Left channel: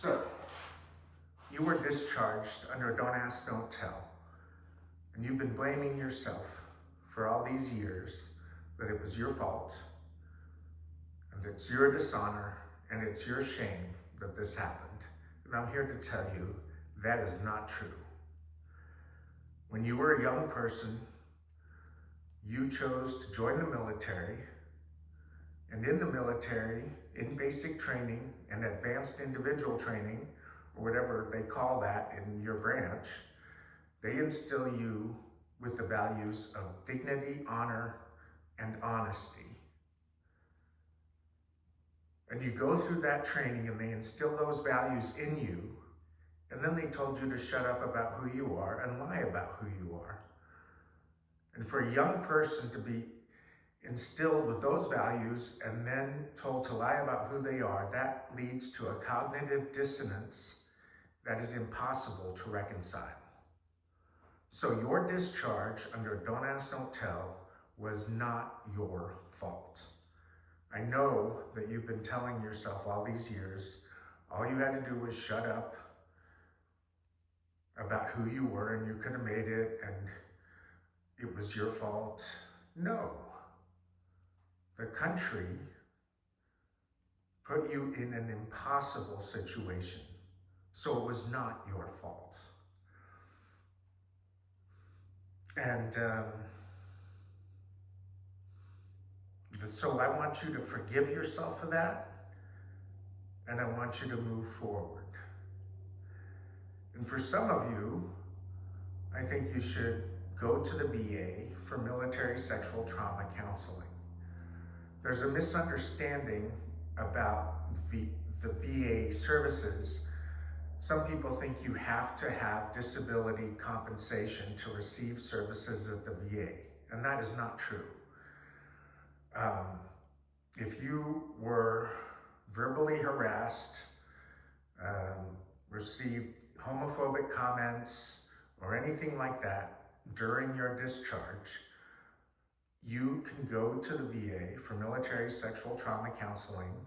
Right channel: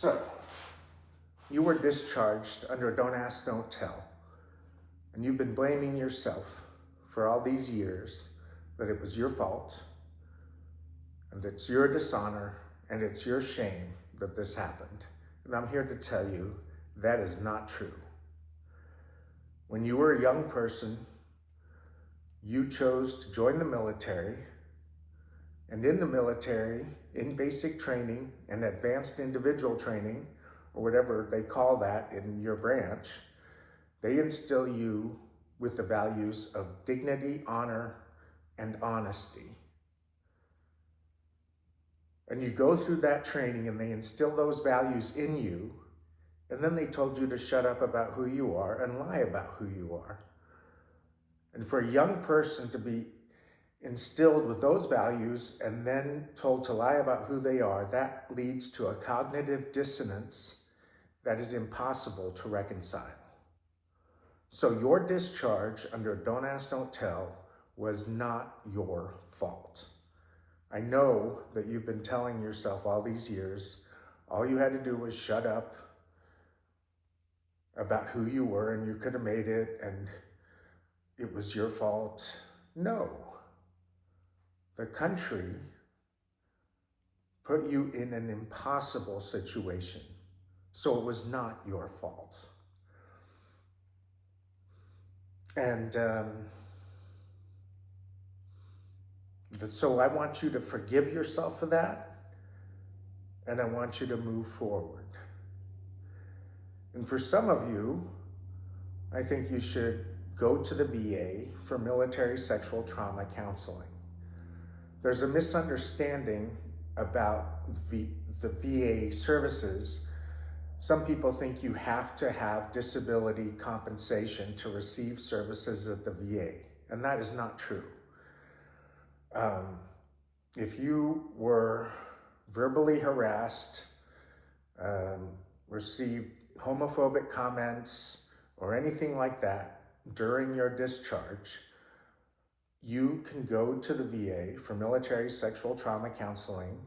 So, you were discharged under Don't Ask, Don't Tell, and you've been blaming yourself for all these years that it was your fault, and it's your dishonor, and it's your shame that this happened. And I'm here to tell you that is not true. When you were a young person, you chose to join the military, and in the military, in basic training and advanced individual training, or whatever they call that in your branch, they instill you with the values of dignity, honor, and honesty. And you go through that training and they instill those values in you, and then they told you to shut up about who you are and lie about who you are. And for a young person to be instilled with those values and then told to lie about who they are, that leads to a cognitive dissonance that is impossible to reconcile. So your discharge under Don't Ask, Don't Tell was not your fault. I know that you've been telling yourself all these years, all you had to do was shut up about who you were and you could have made it and it was your fault. No. The country put you in an impossible situation, so it was not your fault. And so I want you to forgive yourself for that, and I want you to move forward. And for some of you, I think you should go to the VA for military sexual trauma counseling. There's a misunderstanding about the VA services. Some people think you have to have disability compensation to receive services at the VA, and that is not true. If you were verbally harassed, received homophobic comments, or anything like that during your discharge, you can go to the VA for military sexual trauma counseling,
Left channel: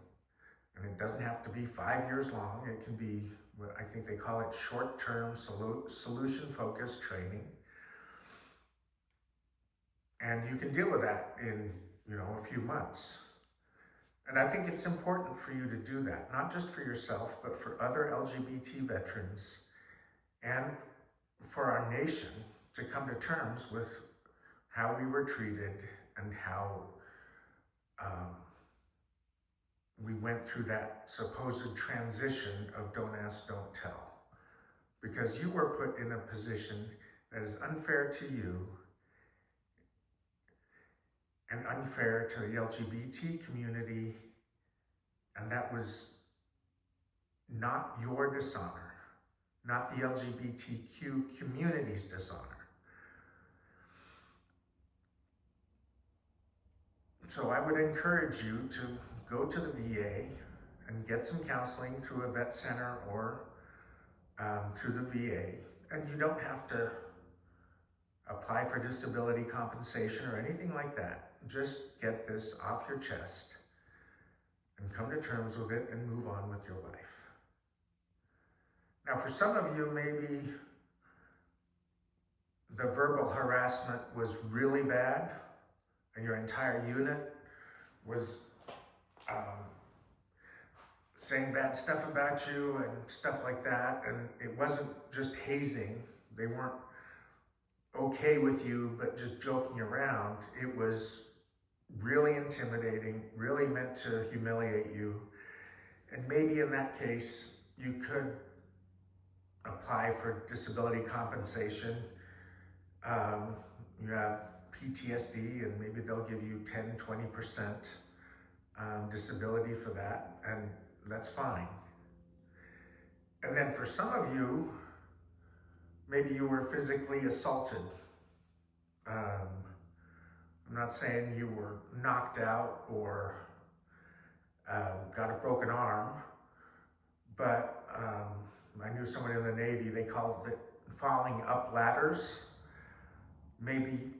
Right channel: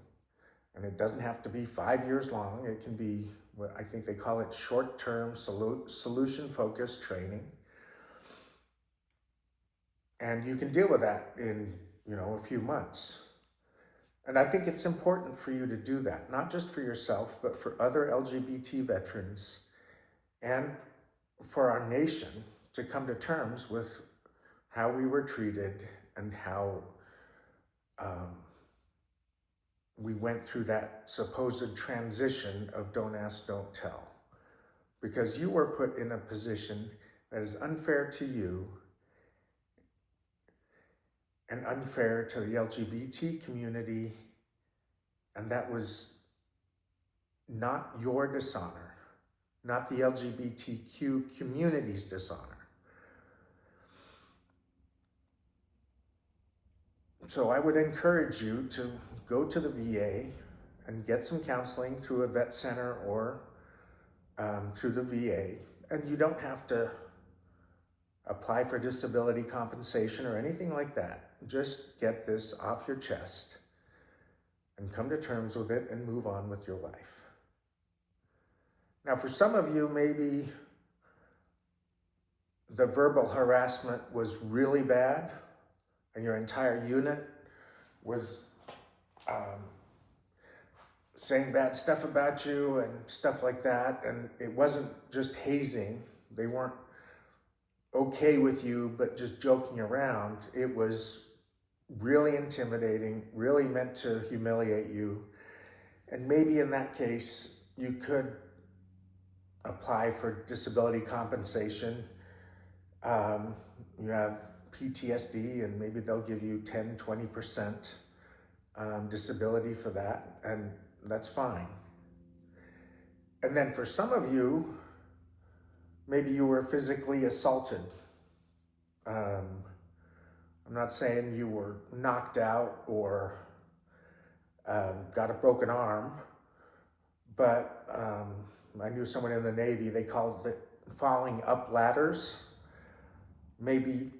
and it doesn't have to be 5 years long. It can be what I think they call it short-term solution-focused training. And you can deal with that in, a few months. And I think it's important for you to do that, not just for yourself, but for other LGBT veterans and for our nation to come to terms with how we were treated and how we went through that supposed transition of Don't Ask, Don't Tell. Because you were put in a position that is unfair to you and unfair to the LGBT community, and that was not your dishonor, not the LGBTQ community's dishonor. So I would encourage you to go to the VA and get some counseling through a vet center or through the VA. And you don't have to apply for disability compensation or anything like that. Just get this off your chest and come to terms with it and move on with your life. Now, for some of you, maybe the verbal harassment was really bad, and your entire unit was saying bad stuff about you and stuff like that, and it wasn't just hazing. They weren't okay with you, but just joking around. It was really intimidating, really meant to humiliate you. And maybe in that case, you could apply for disability compensation. You have PTSD, and maybe they'll give you 10, 20% disability for that, and that's fine. And then for some of you, maybe you were physically assaulted. I'm not saying you were knocked out or got a broken arm, but I knew someone in the Navy, they called it falling up ladders. Maybe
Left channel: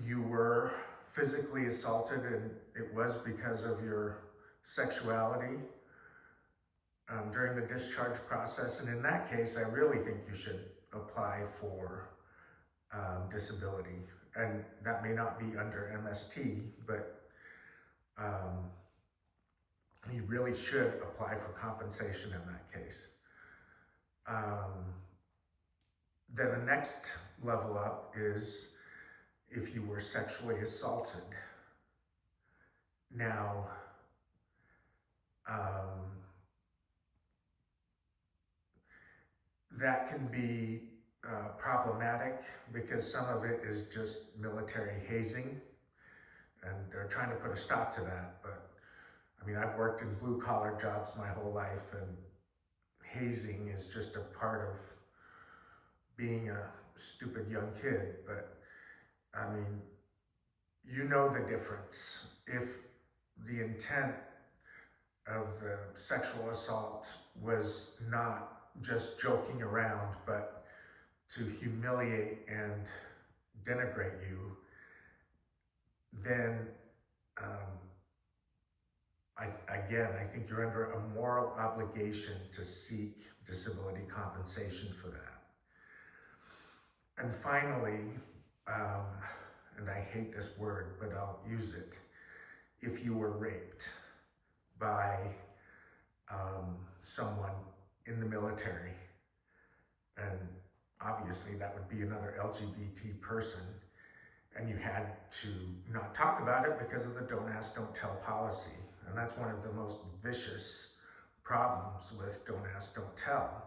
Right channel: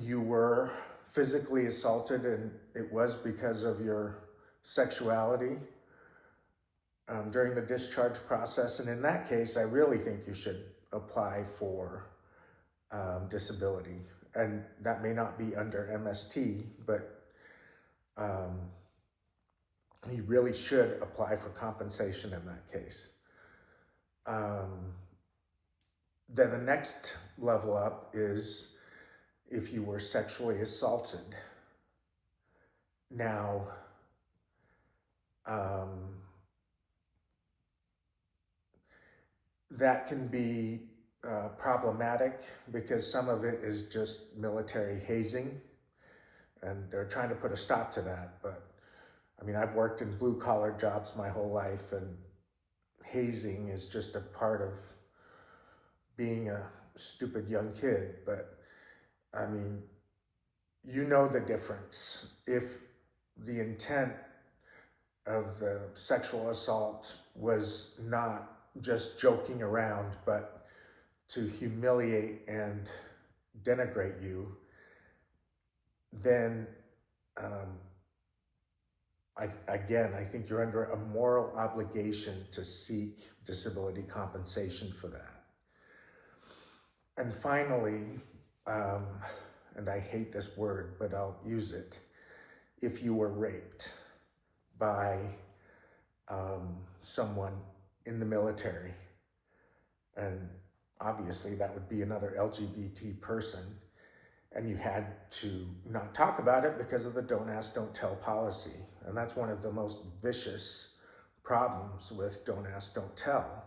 you were physically assaulted and it was because of your sexuality during the discharge process. And in that case, I really think you should apply for disability. And that may not be under MST, but you really should apply for compensation in that case. Then the next level up is if you were sexually assaulted. Now, that can be problematic because some of it is just military hazing, and they're trying to put a stop to that. But I mean, I've worked in blue collar jobs my whole life, and hazing is just a part of being a stupid young kid. But I mean, you know the difference. If the intent of the sexual assault was not just joking around, but to humiliate and denigrate you, then I think you're under a moral obligation to seek disability compensation for that. And finally, and I hate this word, but I'll use it, if you were raped by someone in the military, and obviously that would be another LGBT person, and you had to not talk about it because of the don't ask, don't tell policy. And that's one of the most vicious problems with don't ask, don't tell.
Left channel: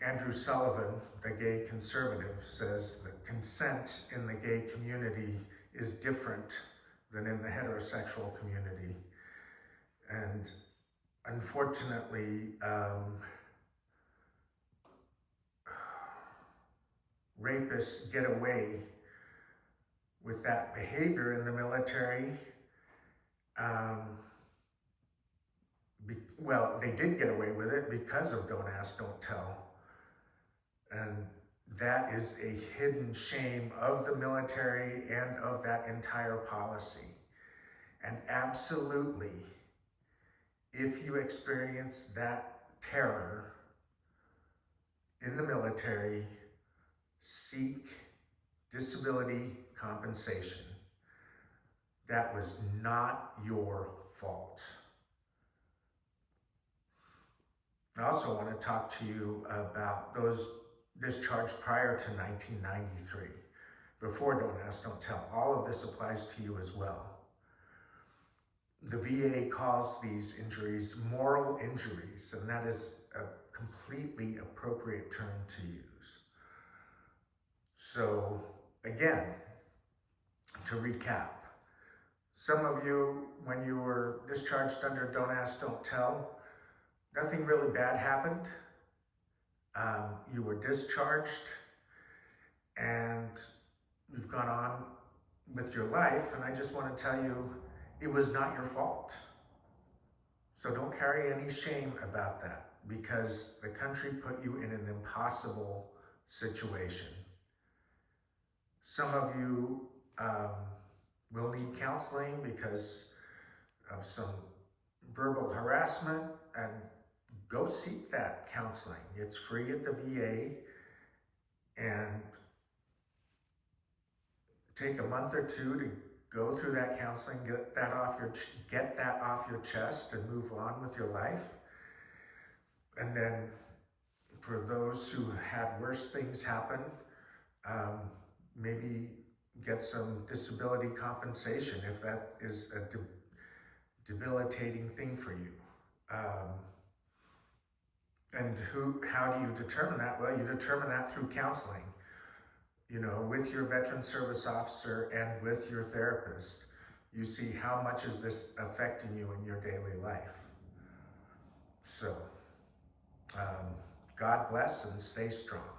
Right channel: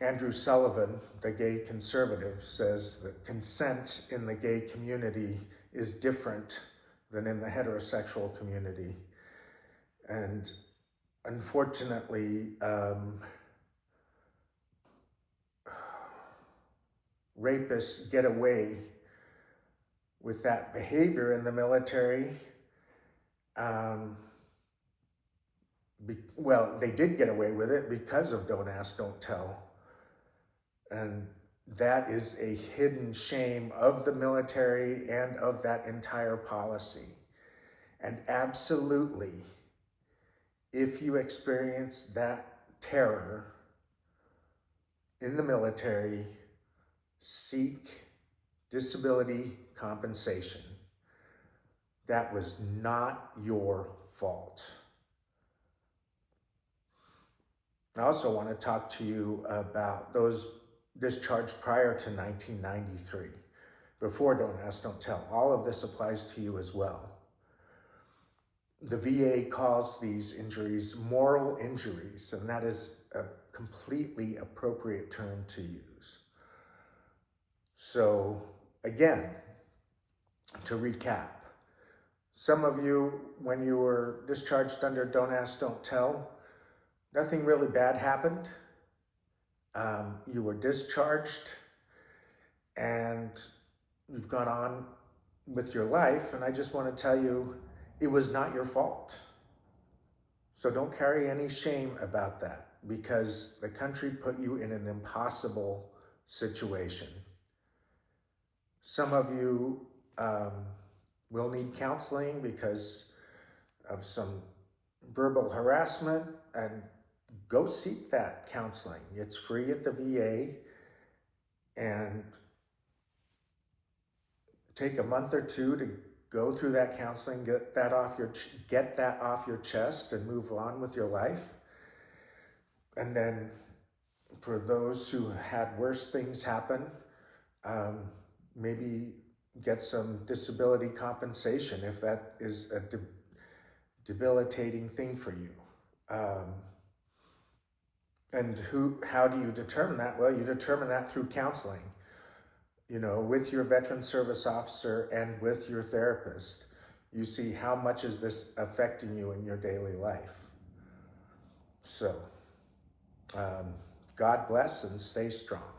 Andrew Sullivan, the gay conservative, says that consent in the gay community is different than in the heterosexual community. And unfortunately, rapists get away with that behavior in the military. Well, they did get away with it because of don't ask, don't tell. And that is a hidden shame of the military and of that entire policy. And absolutely, if you experience that terror in the military, seek disability compensation. That was not your fault. I also want to talk to you about those discharged prior to 1993, before don't ask, don't tell. All of this applies to you as well. The VA calls these injuries moral injuries, and that is a completely appropriate term to use. So again, to recap, some of you, when you were discharged under don't ask, don't tell, nothing really bad happened. You were discharged and you've gone on with your life, and I just want to tell you, it was not your fault. So don't carry any shame about that, because the country put you in an impossible situation. Some of you will need counseling because of some verbal harassment, and go seek that counseling. It's free at the VA, and take a month or two to go through that counseling, get that off your chest and move on with your life. And then for those who had worse things happen, maybe get some disability compensation if that is a debilitating thing for you. And how do you determine that? Well, you determine that through counseling, with your veteran service officer and with your therapist. You see, how much is this affecting you in your daily life? So, God bless and stay strong.